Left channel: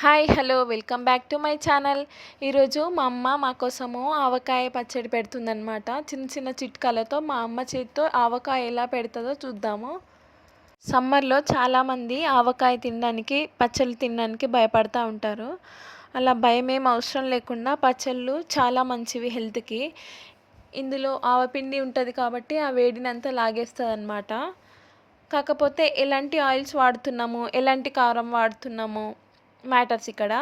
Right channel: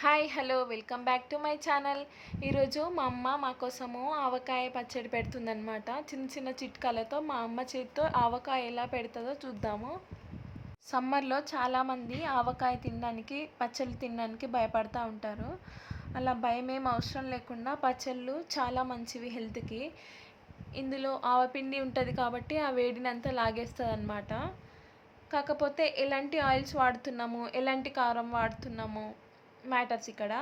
Hi hello welcome back to my channel. ఈరోజు మా అమ్మ మా కోసము ఆవకాయ పచ్చడి పెడుతుందనమాట చిన్న చిన్న చిట్కాలతో మా అమ్మ చేతితో ఆవకాయ ఎలా పెడుతుందో చూద్దాము. సమ్మర్లో చాలామంది ఆవకాయ తినడానికి పచ్చళ్ళు తినడానికి భయపడతా ఉంటారు. అలా భయం ఏం అవసరం లేకుండా పచ్చళ్ళు చాలా మంచివి హెల్త్కి. ఇందులో ఆవపిండి ఉంటుంది కాబట్టి ఆ వేడినంతా లాగేస్తుంది అనమాట కాకపోతే ఎలాంటి ఆయిల్స్ వాడుతున్నాము ఎలాంటి కారం వాడుతున్నాము మ్యాటర్స్ ఇక్కడ.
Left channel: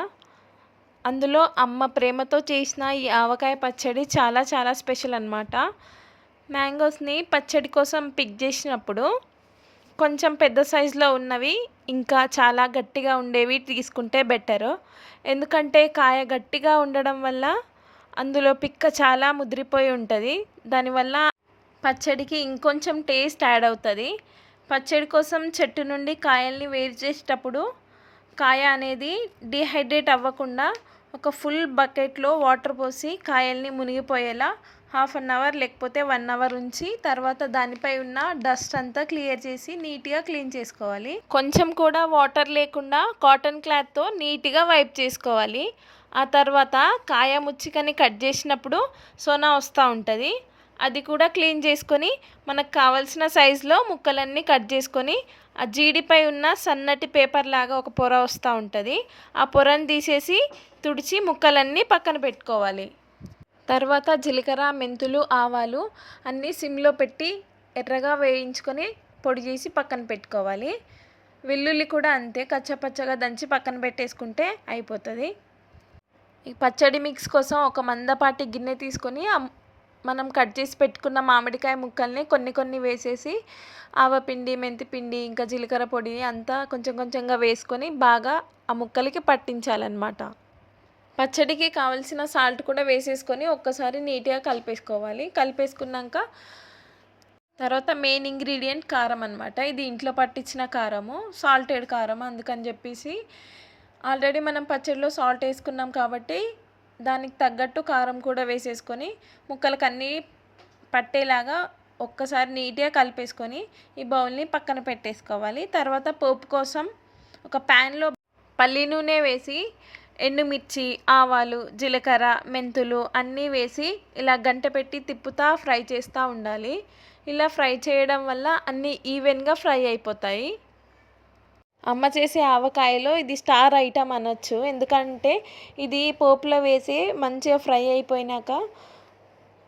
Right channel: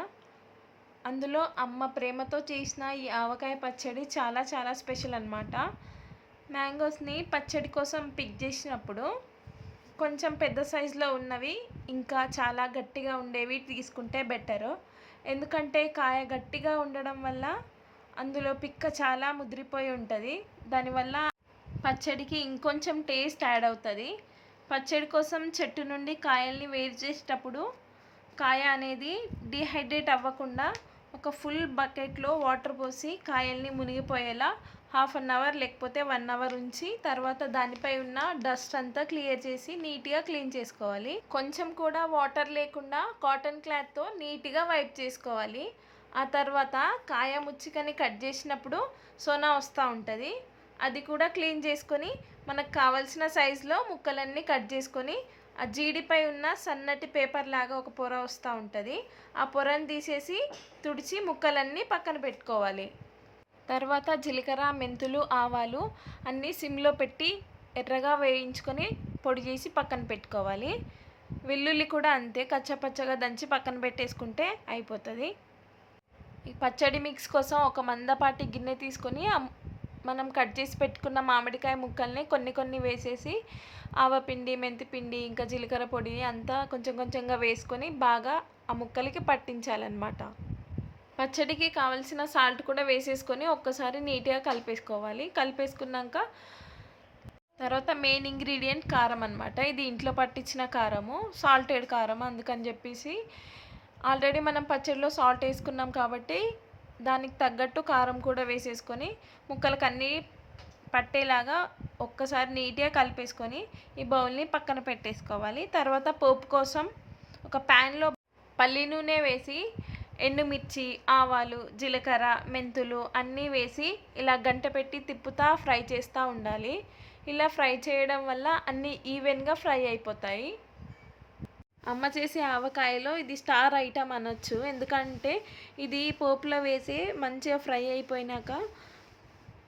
అందులో అమ్మ ప్రేమతో చేసిన ఈ ఆవకాయ పచ్చడి చాలా చాలా స్పెషల్ అనమాట మ్యాంగోస్ని పచ్చడి కోసం పిక్ చేసినప్పుడు కొంచెం పెద్ద సైజులో ఉన్నవి ఇంకా చాలా గట్టిగా ఉండేవి తీసుకుంటే బెటరు. ఎందుకంటే కాయ గట్టిగా ఉండడం వల్ల అందులో పిక్క చాలా ముదిరిపోయి ఉంటుంది. దానివల్ల పచ్చడికి ఇంకొంచెం టేస్ట్ యాడ్ అవుతుంది. పచ్చడి కోసం చెట్టు నుండి కాయల్ని వేరు చేసేటప్పుడు కాయ అనేది డిహైడ్రేట్ అవ్వకుండా ఒక ఫుల్ బకెట్లో వాటర్ పోసి కాయల్ని మునిగిపోయేలా హాఫ్ అన్ అవర్ లేకపోతే వన్ అవర్ ఉంచి తర్వాత దానిపై ఉన్న డస్ట్ అంతా క్లియర్ చేసి నీట్గా క్లీన్ చేసుకోవాలి. కొంచెం కూడా వాటర్ లేకుండా కాటన్ క్లాత్తో నీట్గా వైప్ చేసుకోవాలి. ఆ తర్వాత కాయ ముచ్చికని కట్ చేసినప్పుడు సోనా వస్తూ ఉంటుంది. అది కూడా క్లీన్ చేసుకొని మనకు కావాల్సిన సైజులో ముక్కలన్నీ కట్ చేసుకొని ఆ జీడిపై ఉన్న సన్నటి పేపర్ లాగా ఒక పొర వస్తూ ఉంటుంది. ఆ పొరను తీసేసి తుడిచి ముక్కలన్నీ పక్కన పెట్టుకోవాలి. తర్వాత జీలకర్ర మెంతులు ఆవాలు అన్నీ సిమ్లో పెట్టి ఎర్రగా వేయించుకొని పొడి చేసి పక్కన పెట్టుకోవాలి. వెల్లుల్లి కూడా అంతే కచ్చపచ్చగా దంచి పక్కన పెట్టేసుకుంటే అయిపోతుంది. ఈ పచ్చడి మిక్స్ కోసం ఒక మందపాటి గిన్నె తీసుకొని మనం కట్ చేసి పెట్టుకున్న మామిడికాయ ముక్కల్ని కొన్ని కొన్ని వేసేసి ఆవపిండి మెంతిపిండి ఇంకా జీలకర్ర పొడి అంతా కొంచెం కొంచెంగా వేసుకొని బాగా ఆ ముక్కలకి పట్టించాలన్నమాట. పచ్చడికి కావలసిన సాల్ట్ కూడా వేసేసుకొని ఒక్కసారి నీట్గా కలిపేసుకోవాలి. కలిపేసుకున్నాక తర్వాత మెయిన్ ఇంగ్రీడియంట్ కారం అనమాట ఇది ఇంట్లో పట్టించిన కారము సాల్టెడ్ కారం అందుకని చెప్పేసి ఆల్రెడీ మనం పచ్చడిలో సాల్ట్ వేసుకున్నాం కాబట్టి దానికి తగ్గట్టు కారం కూడా వేసేసుకొని ముక్కలకు అన్నీ పట్టేలాగా ఒక్కసారి నీట్గా కలిపేసుకొని ఈ బౌల్ని పక్కన పెట్టేసుకోవాలి. తర్వాత పోపు కోసం ఒక ప్యాన్లో పల్లి నూనె వేసి ఎండుమిర్చి ఆవాలు జీలకర్ర మెంతులు అన్నీ వేసి ఇలా గంట పెట్టి తిప్పుతా ఫ్రై చేస్తూ ఉండాలి. ఇలా ఫ్రై చేయడం వల్ల అన్నీ ఈవెన్గా ఫ్రై అయిపోతాయి. అమ్మ చేసే ఆవకాయలో ఇది స్టార్ ఐటమ్ అనొచ్చు. ఎందుకంటే ఇది పోపులో వేసి మంచిగా ఫ్రై అయిపోయినాక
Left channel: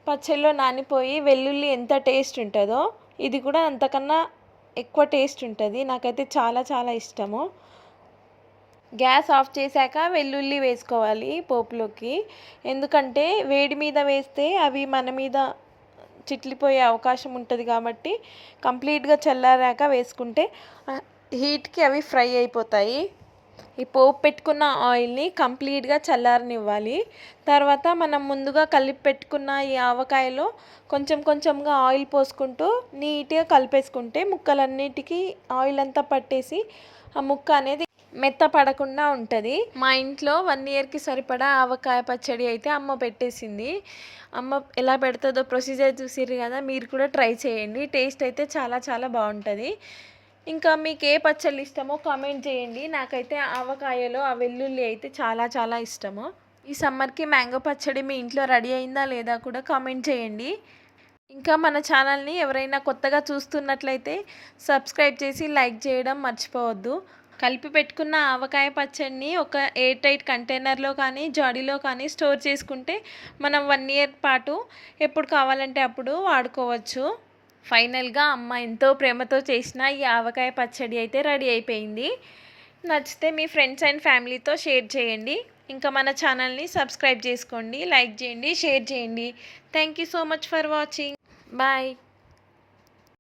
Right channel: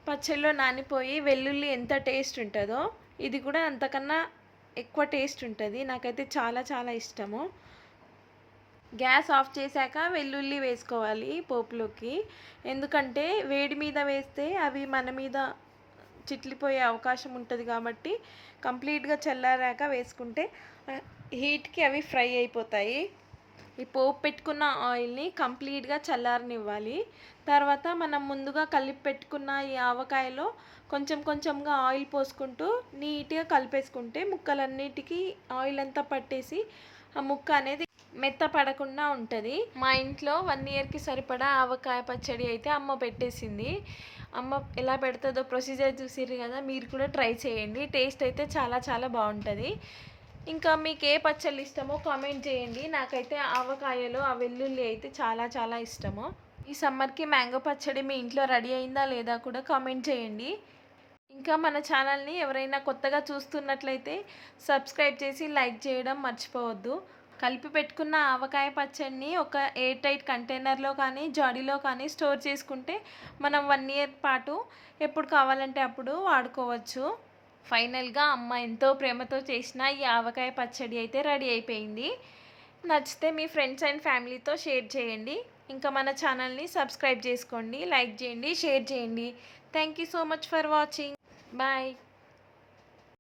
పచ్చళ్ళలో నానిపోయి వెల్లుల్లి ఎంత టేస్ట్ ఉంటుందో ఇది కూడా అంతకన్నా ఎక్కువ టేస్ట్ ఉంటుంది. నాకైతే చాలా చాలా ఇష్టము. గ్యాస్ ఆఫ్ చేశాక వెల్లుల్లి వేసుకోవాలి పోపులోకి. ఎందుకంటే వేడి మీద వేస్తే అవి మన మీద చిట్లిపోయే అవకాశం ఉంటుంది కాబట్టి కంప్లీట్గా చల్లారాక వేసుకుంటే హీట్కి అవి ఫ్రై అయిపోతాయి. ఈ పోపు పెట్టుకున్న ఆయిల్ని కంప్లీట్గా చల్లారనివ్వాలి. తర్వాత మనం ముందుగా కలిపి పెట్టుకున్న ఈ ఆవకాయలో కొంచెం కొంచెంగా ఆయిల్ పోసుకుంటూ నీట్గా కలిపేసుకుంటే ముక్కలన్నిటికీ ఆయిల్ అంతా పట్టేసి ఆ ముక్క అనేది మెత్తపడకుండా ఉంటుంది. మా ఇంట్లో వన్ ఇయర్కి సరిపడా ఆవకాయ పచ్చడి అయితే అమ్మ పెట్టేసింది. అమ్మ ఎలా పెడుతుందో ప్రొసీజర్ చూసిర్రు కదా మీరు కూడా ట్రై చేయండి. టేస్ట్ అయితే చాలా చాలా బాగుంటుంది. ఇంకా మీకు ఏ పచ్చళ్ళు ఇష్టమో కామెంట్ చేయండి. నాకైతే ఆవకాయలో ఆ వెల్లుల్లి అయితే చాలా చాలా ఇష్టము. ఈ సమ్మర్కి మ్యాంగో పచ్చడి మీ ఇంట్లో రెడీ అయిందా లేదా కూడా కామెంట్ చేయండి. ఇంకా మన ఛానల్ని ఎవరైనా కొత్తగా చూస్తున్నట్లయితే సబ్స్క్రైబ్ చేసి లైక్ చేయడం మర్చిపోవద్దు. కలిపి పెట్టుకున్న ఆవకాయ పచ్చడిని ఒక ఎయిర్ టైట్ కంటైనర్లో కానీ జాడీలో కానీ స్టోర్ చేసుకుంటే మనం వన్ ఇయర్ పాటు ఎప్పుడు కావాలంటే అప్పుడు వాడుకోవచ్చు. ఫైనల్గా అమ్మ ఎంతో ప్రేమతో చేసిన ఈ ఆవకాయ పచ్చడి అయితే రెడీ అయిపోయింది. నచ్చితే మీ ఫ్రెండ్స్ అండ్ ఫ్యామిలీతో షేర్ చేయండి. ఇంకా మన ఛానల్ని సబ్స్క్రైబ్ చేసుకోండి లైక్ చేయండి షేర్ చేయండి. Thank you so much for watching. Bye.